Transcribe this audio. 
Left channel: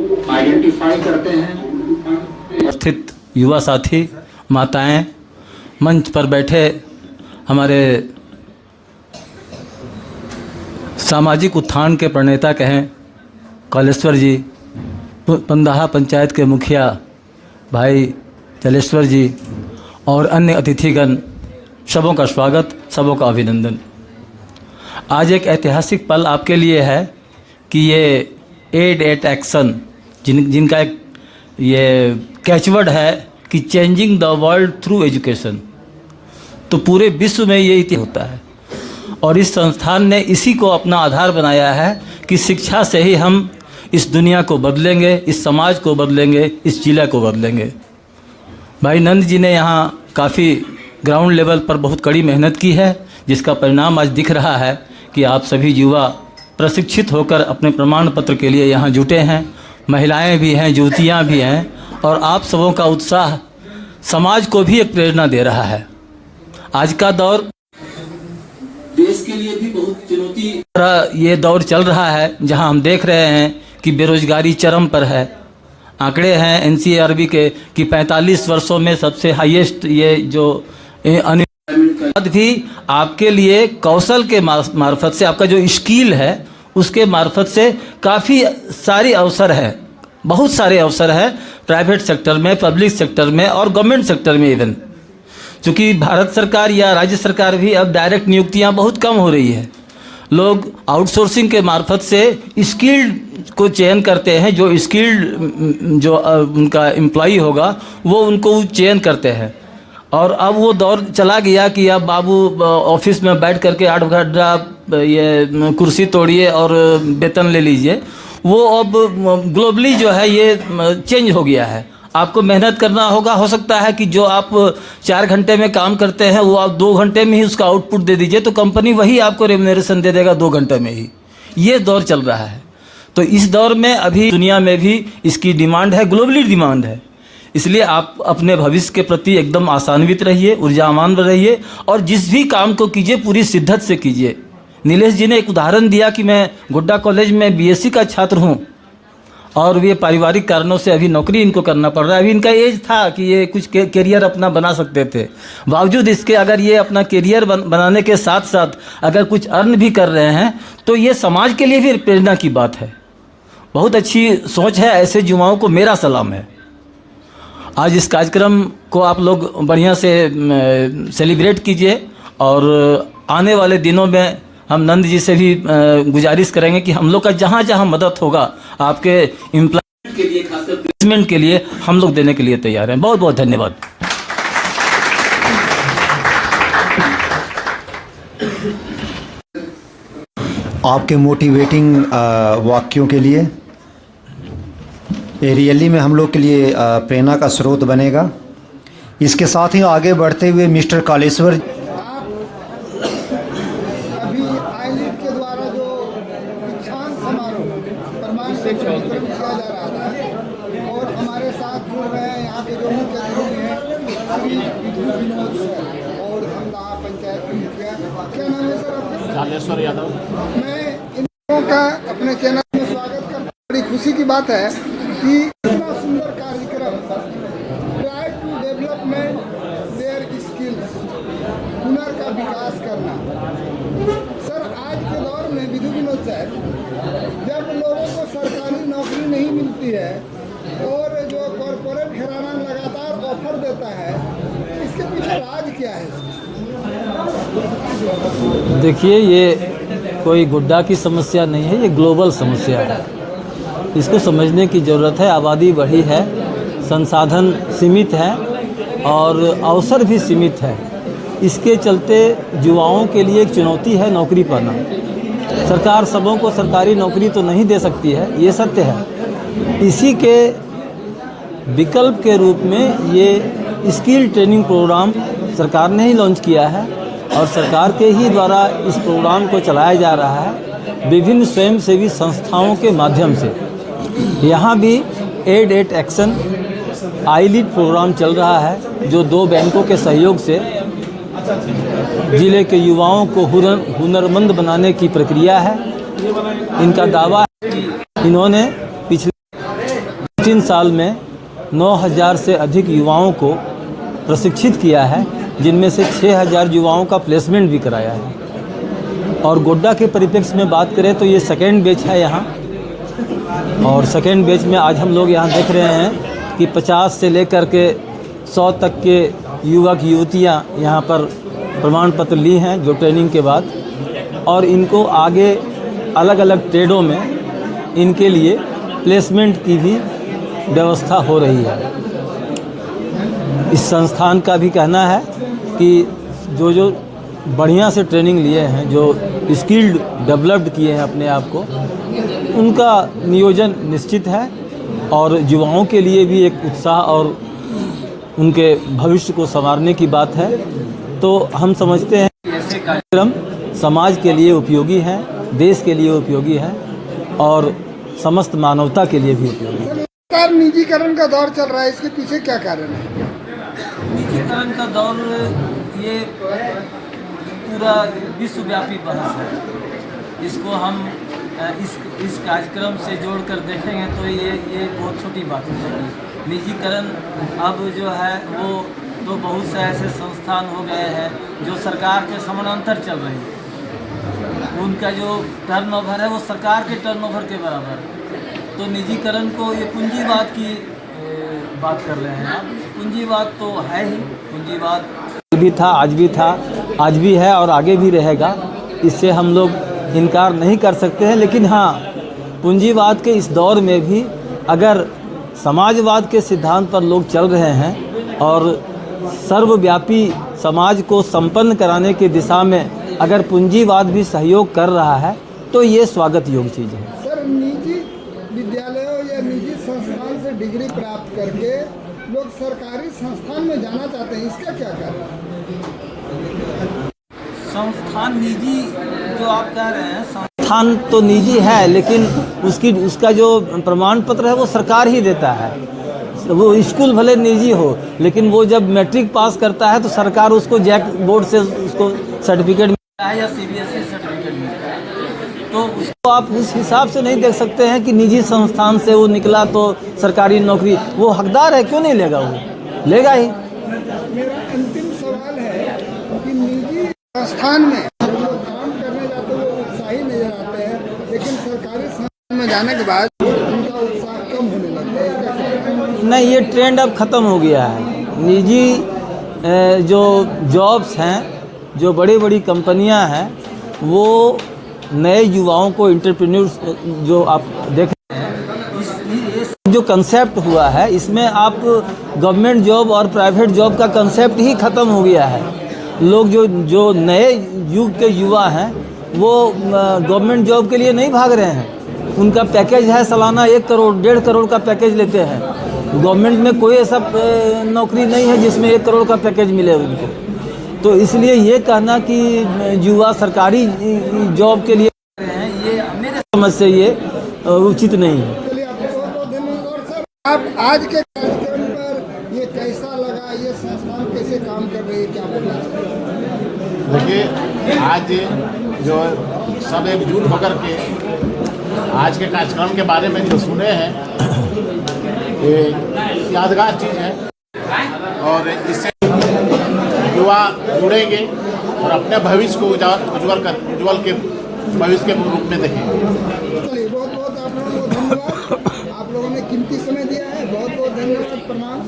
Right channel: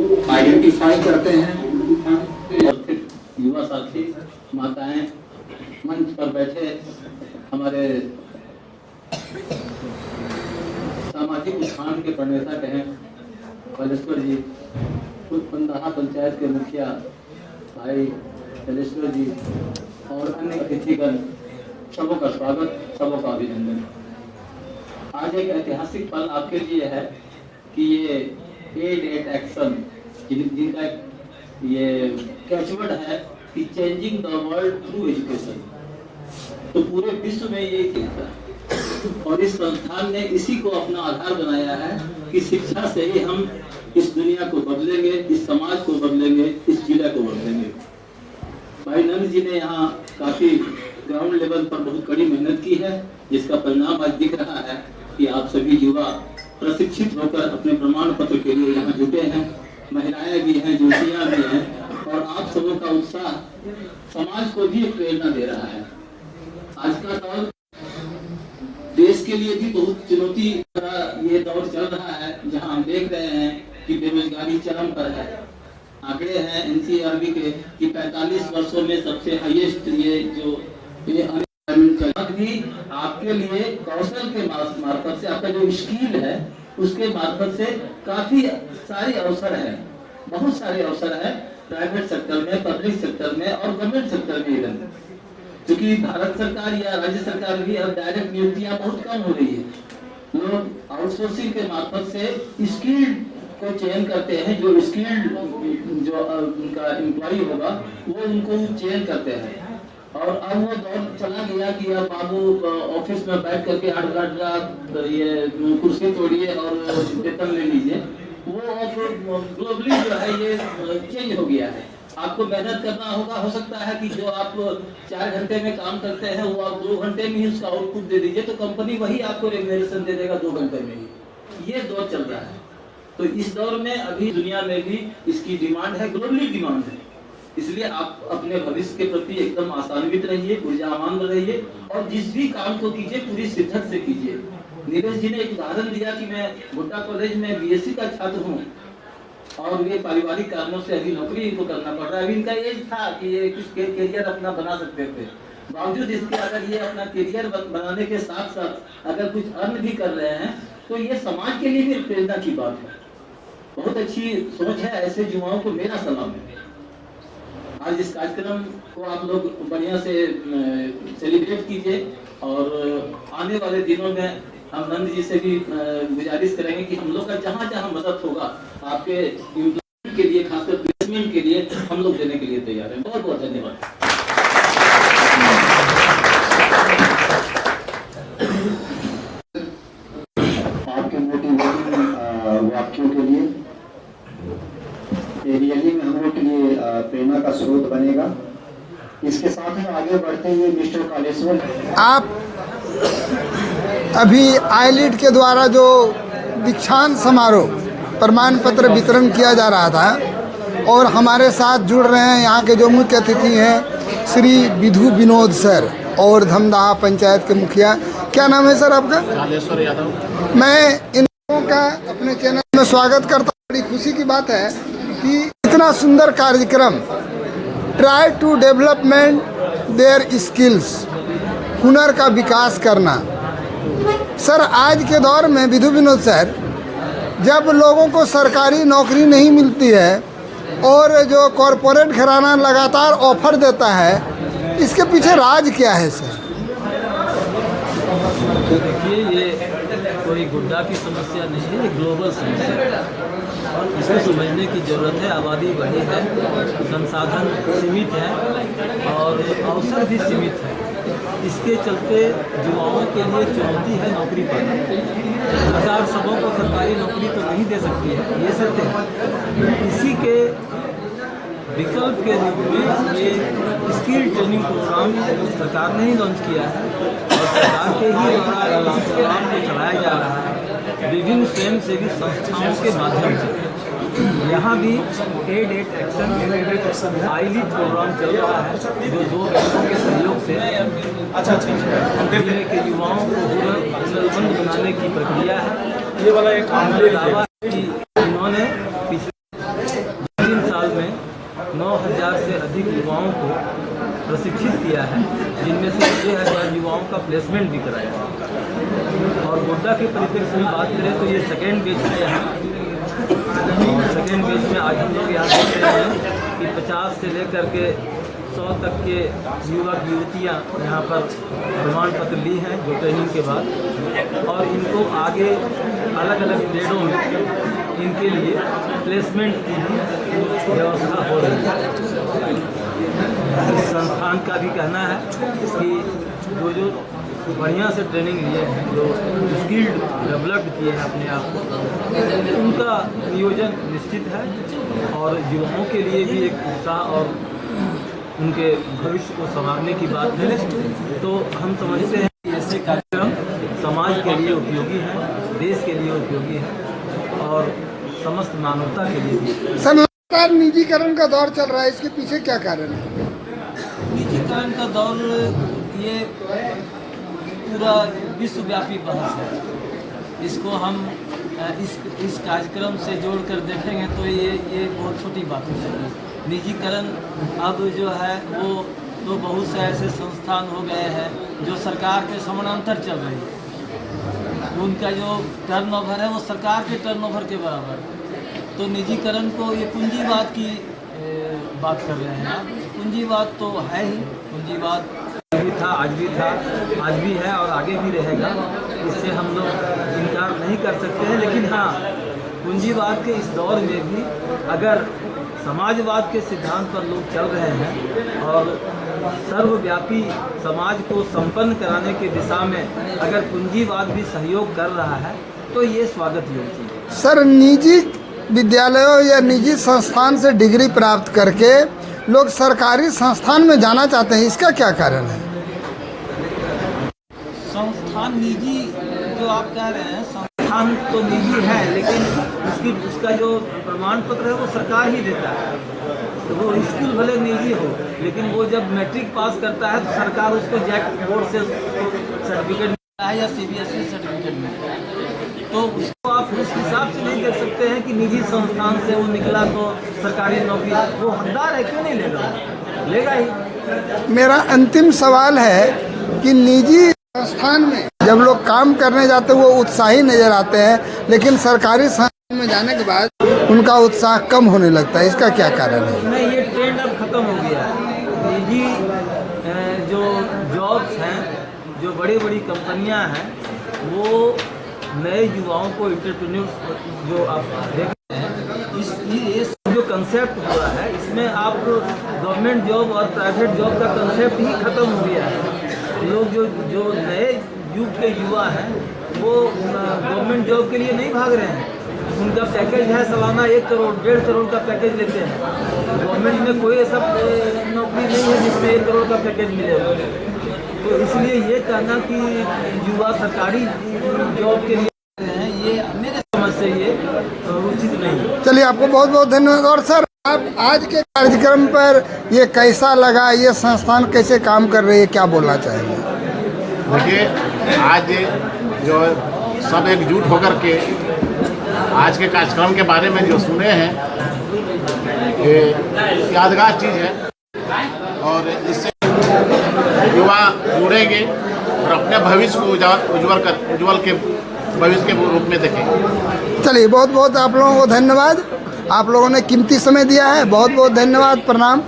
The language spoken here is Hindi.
आइडेंटिफाई करते हैं। स्थित युवा साथी, माताएं, मंच पर बैठे हमारे सामाजिक उत्थान के प्रणेता कहें कालेश्वर जी, पंदाहा पंचायत के मुखिया भाई जलेश्वर जी और अन्य अतिथिगण, सबों का स्वागत, सबों का अभिनंदन। आज एक ऐतिहासिक पल आपके लिए है कि ये एड एट एक्शन जिनका एक ये कैचवर्ड है कि changing the world through education, तो पूरे विश्व में ये इतिहास होता है और इस संस्थान ने इसी को अपना आधार बनाया है कि शिक्षा से ही हम इस दुनिया को बदलेंगे, इस समाज को बदलेंगे, इस जिला को बदलेंगे। भाई नंद जी ने यहाँ काफ़ी ग्राउंड लेवल पर बहुत कड़ी मेहनत की है, जिसका परिणाम आज दिख रहा है कि आप सभी युवा प्रशिक्षित होकर अपने प्रमाण पत्र के लिए यहाँ जुटे हैं। महिलाएं भी हैं, युवतियाँ भी हैं और आप सबों का उत्साह समाज को भी एक प्रेरणा दे रहा है। आज का दौर देश के लिए भी बहुत चुनौती ये दौर चल रहा है, जहां हम देख रहे हैं कि बेरोजगारी चरम पर है। आंकड़े हैं एनसीआरबी के कि 45 वर्षों में सबसे हाईएस्ट ये जो अनएम्प्लॉयमेंट भी आपके लिए कौशल के मार्फत से, आपका जो स्किल है उसके मार्फत से काफ़ी सारी अवसर है, बहुत सारे अवसर है प्राइवेट सेक्टर में, पब्लिक सेक्टर में और गवर्नमेंट सेक्टर में इवन। चूँकि भारत सरकार या राज्य सरकार भी अब डायरेक्ट नियुक्तियां बहुत कम हो रही है, लोग आउटसोर्सिंग के मार्फत से स्किल्ड को चयन करते हैं। जो स्किल्ड जो उनका एम्प्लॉई होगा वो उनको चयन करते हैं। और अब वो दौर चला गया कि अब बाबू ऑफिस में बैठ करके 8 घंटा ये कुर्सी तोड़िए और वेतन ले लीजिए। वो अब ग्लोबली जो है ये चेंज हो गया है। आपको मेहनत करना होगा, हो सकता है कि जो आप 4 घंटे में काम करते हैं वो आप 2 घंटे में ही उसका आउटपुट दे दीजिए, तो कंपनी वही आपको रेम्युनरेशन दे देगा 2 घंटे में ही। ये दौर चल रहा है। तो इस दौर में अभी दुनिया में भी इसकी डिमांड है, ग्लोबली डिमांड है। इसलिए आप अपने भविष्य के प्रति एकदम आशान्वित रहिए, ऊर्जावान रहिए और जिस भी काम को कीजिए पूरी शिद्दत से कीजिए। नीलेश जी ने एक उदाहरण दिया कि मैं गोड्डा कॉलेज में बीएससी का छात्र हूँ और ये पारिवारिक कारणों से अभी नौकरी इनको करना पड़ रहा है। अभी इनका एज था कि ये कुछ कैरियर अपना बना सकते थे, बावजूद इसके अगर ये अपना कैरियर बनाने के साथ साथ अगर कुछ अर्न भी कर रहे हैं तो ये समाज के लिए भी प्रेरणा की बात है। बहुत अच्छी सोच है। ऐसे युवाओं को मेरा सलाम है। आज इस कार्यक्रम को आप लोग बढ़िया से सेलिब्रेट कीजिए और आने वाले दिनों में हम नंद जी से भी गुजारिश करेंगे कि हम लोग का जहाँ जहाँ मदद होगा आपके एम्प्लॉयमेंट के लिए, खासकर प्लेसमेंट के लिए हम लोग देने के लिए तैयार हैं। बहुत बहुत धन्यवाद। आपके मोटिवेटिंग वाक्यों के लिए ये रियली में हम लोग के लिए प्रेरणा का स्रोत बनेगा। इसके साथ ही आगे बढ़ते हुए मिस्टर कालेश्वर, आप अभी आईलिड के द्वारा जो दीक्षांत समारोह प्रमाण पत्र वितरण किया जा रहा था और हमारे साथ जुड़ रहे हैं यहाँ के जो मुख्य अतिथि हैं श्री विधु विनोद सर और धमदाहा पंचायत के मुखिया। क्या नाम है सर आपका? कालेश्वर यादव। मैं इन लोगों का अपने चैनल में स्वागत करता हूँ। बड़ी खुशी की बात है कि इतना सुंदर कार्यक्रम try to development their skills, हुनर का विकास करना। सर आज के दौर में विधु विनोद सर, जब लोगों को सरकारी नौकरी नहीं मिलती है और जो कॉरपोरेट घराना लगातार ऑफर देता है, इसके पीछे राज क्या है सर? देखिए, ये कोई गुड्डा की समस्या नहीं है, ये ग्लोबल समस्या है। इसको समझने की ज़रूरत है। आबादी बढ़ी है, संसाधन सीमित है और अवसर भी सीमित है। इसके चलते युवाओं के लिए एक चुनौती है नौकरी पाना। सरकार सबों को सरकारी नौकरी तो नहीं दे सकती है, ये सत्य है। इसी के विकल्प के रूप में ये स्किल ट्रेनिंग प्रोग्राम सरकार ने ही लॉन्च किया है और सरकार के ही द्वारा इस प्रोग्राम को चलाया जा रहा है विभिन्न स्वयंसेवी संस्थाओं के माध्यम से। यहाँ भी Aide et Action iLEAD programme चल रहा है जो 2 बैंकों के सहयोग से जिले के युवाओं को हुनरमंद बनाने की प्रक्रिया है। इनका दावा है कि इन्होंने पिछले साल में 9,000 से अधिक युवाओं को प्रशिक्षित किया है, जिनमें से 6,000 युवाओं का प्लेसमेंट भी कराया है। और गोड्डा के परिप्रेक्ष्य में बात करें तो ये सेकेंड बैच है यहाँ, और सेकेंड बैच में आज हम लोग यहाँ देख रहे हैं कि 50 से लेकर के 100 तक के युवक युवतियाँ यहाँ पर प्रमाण पत्र ली हैं जो ट्रेनिंग के बाद, और इनको आगे अलग अलग ट्रेडों में इनके लिए प्लेसमेंट की भी व्यवस्था हो रही है। इस संस्थान का भी कहना है कि जो बढ़िया से ट्रेनिंग लिए हैं, जो स्किल्ड डेवलप्ड किए हैं अपने आप को, उनका नियोजन निश्चित है और युवाओं के लिए भी एक उत्साह और उनके भविष्य को संवारने की बात है। तो हम समझते हैं कि ऐसे कार्यक्रम समाज के लिए उपयोगी है, देश के लिए उपयोगी है और समस्त मानवता के लिए भी उपयोगी है। सर, लगातार निजीकरण का दौर चल रहा है, इसके पीछे क्या कारण है? निजीकरण का दौर ये पूरा विश्वव्यापी बहस है। इसको हम इस कार्यक्रम से जोड़कर देखेंगे तो ये बहुत छोटी बात हो जाएगी। निजीकरण अब जो है वो तो बहुत से ऐसे संस्थान हो गए हैं जो सरकार के समानांतर चल रहे हैं, उनका जो टर्नओवर है वो सरकार के टर्नओवर के बराबर है। तो निजीकरण को ये पूंजीवाद की बात कर रहे हैं आप। पूंजीवाद तो है ही, पूंजीवाद भी था, आज भी है और आगे भी रहेगा, इससे हम लोग इनकार नहीं कर सकते हैं। लेकिन हाँ, पूंजीवाद के इस दौर में भी अगर समाजवाद के सिद्धांत पर लोग चल रहे हैं और सर्वव्यापी समाज को संपन्न कराने की दिशा में अगर पूंजीवाद भी सहयोग कर रहा है तो ये स्वागत योग्य चीज़ है। सर, निजी विद्यालयों या निजी संस्थान से डिग्री प्राप्त करके लोग सरकारी संस्थान में जाना चाहते हैं, इसका क्या कारण है? संस्थान निजी जो आप कह रहे हैं, संस्थान तो निजी है, लेकिन उसका जो प्रमाण पत्र है वो सरकार ही देता है। वो स्कूल भले निजी हो, लेकिन वो जब मैट्रिक पास करता है तो सरकार उसको जैक बोर्ड से उसको सर्टिफिकेट मिलता है या CBSE सर्टिफिकेट मिलता है। तो उसको आप इस हिसाब से नहीं देख सकते हैं कि निजी संस्थान से वो निकला तो सरकारी नौकरी, वो हकदार है, क्यों नहीं लेगा, वो लेगा ही। मेरा अंतिम सवाल है कि निजी संस्थान में जब लोग काम करने जाते हैं वो उत्साही नजर आते हैं, लेकिन सरकारी संस्थान में जाने के बाद उनका उत्साह कम होने लगता है, इसका क्या कारण है? नहीं, ये ट्रेंड अब ख़त्म हो गया है। निजी जो जॉब्स हैं, जो बड़ी बड़ी कंपनियां हैं, वो नए युवाओं को एंटरप्रेन्योर्स जो आप देख रहे हैं, इस जो कंसेप्ट हुआ है इसमें आप गवर्नमेंट जॉब और प्राइवेट जॉब का कंसेप्ट ही ख़त्म हो गया है। लोग जो नए युग के युवा हैं वो गवर्नमेंट जॉब के लिए नहीं भाग रहे हैं। उनका पैकेज है सालाना 1 करोड़ 1.5 करोड़ का पैकेज लेते हैं। गवर्नमेंट में कोई ऐसा नौकरी नहीं है जिसमें 1 करोड़ का पैकेज मिले उनको। तो इसलिए ये कहना कि युवा सरकारी जॉब के लिए हैं, ये मेरे समझ से ये उचित नहीं है। चलिए, आपको बहुत बहुत धन्यवाद। और सर, आप आज के कार्यक्रम पर ये कैसा लगा, ये संस्थान कैसे काम कर रही है, क्या बोलना चाहेंगे? देखिए, आज जो सब एकजुट होकर के आज के कार्यक्रम के बारे में जो सुने हैं, ये यादगार चीज़ है और इससे युवा जुड़ेंगे और अपने भविष्य को उज्ज्वल के भविष्य के रूप में देखेंगे। चलिए, बहुत बहुत आप लोगों को धन्यवाद। आप लोगों ने कीमती समय दिया है, बहुत बहुत धन्यवाद, प्रणाम।